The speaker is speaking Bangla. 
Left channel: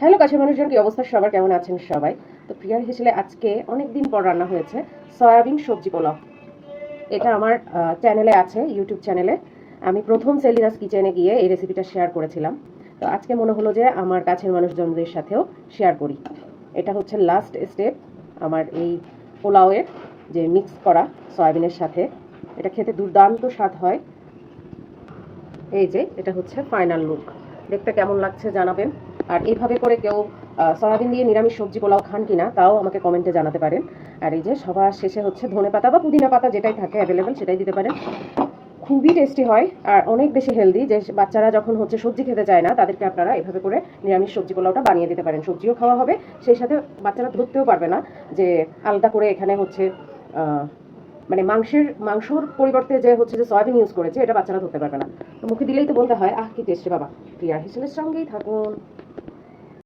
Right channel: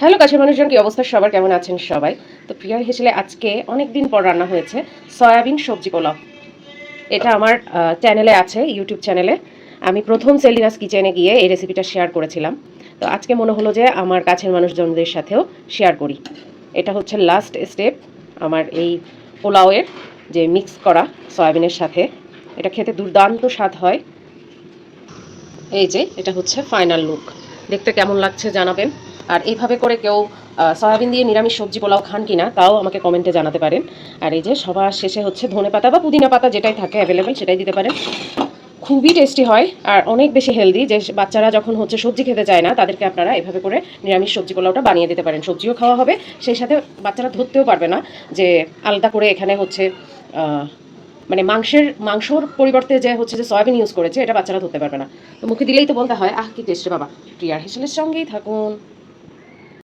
হ্যালো কাছের মানুষজন, কি অবস্থা সবার, কেমন আছেন সবাই? তো প্রিয়ার হেসেলে আজকে অনেক দিন পর রান্না হয়েছে সয়াবিন সবজি পোলাও। এটা আমার চ্যানেলে আছে, ইউটিউব চ্যানেলে। আমি প্রথম সেলিনাস কিচেনে গিয়ে এই রেসিপিটা শেয়ার করেছিলাম। তো আজকে মনে হলো যে আমার কাছের মানুষজনদের সাথেও শেয়ার করি। এটা হচ্ছে লাস্ট স্টেপ আমার এই পোলাওয়ের, যে মিক্স করা সয়াবিনের সাথে। এটা খেতে দুর্দান্ত স্বাদ হয়। এই যে এটা হচ্ছে ফাইনাল লুক। দেখতে কেমন লাগছে জানাবেন। আর এইভাবে করে কেউ সয়াবিন দিয়ে নিরামিষ সবজি পোলাও খান কিনা তাও আমাকে কমেন্টে জানাতে পারেন। আর এই যে সবার শেষে হচ্ছে ধনেপাতা বা পুদিনা পাতা যেটাই থাকে অ্যাভেলেবেল সেটাই দিতে পারেন। খুবই টেস্টি হয় আর অনেক বেশি হেলদি। যে বাচ্চারা যখন হচ্ছে সবজি খেতে চায় না তাদেরকে আপনারা এভাবে করে নিরামিষ সবজি পোলাওটা বানিয়ে দিতে পারেন। সবজিও খাওয়া হবে, সেই সাথে বাচ্চারা ধরতেও পারবে না যে আলাদা করে এখানে হচ্ছে মানে মাংসর পরিবর্তে যে হচ্ছে যে সয়াবিন ইউজ করেছে, এটা বাচ্চারা ধরতে পারবে না। তো মুখে দিলেই তো বলতে হয়, আহ কি টেস্ট বাবা। প্রিয়ার হেসেলের সঙ্গেই থাকুন।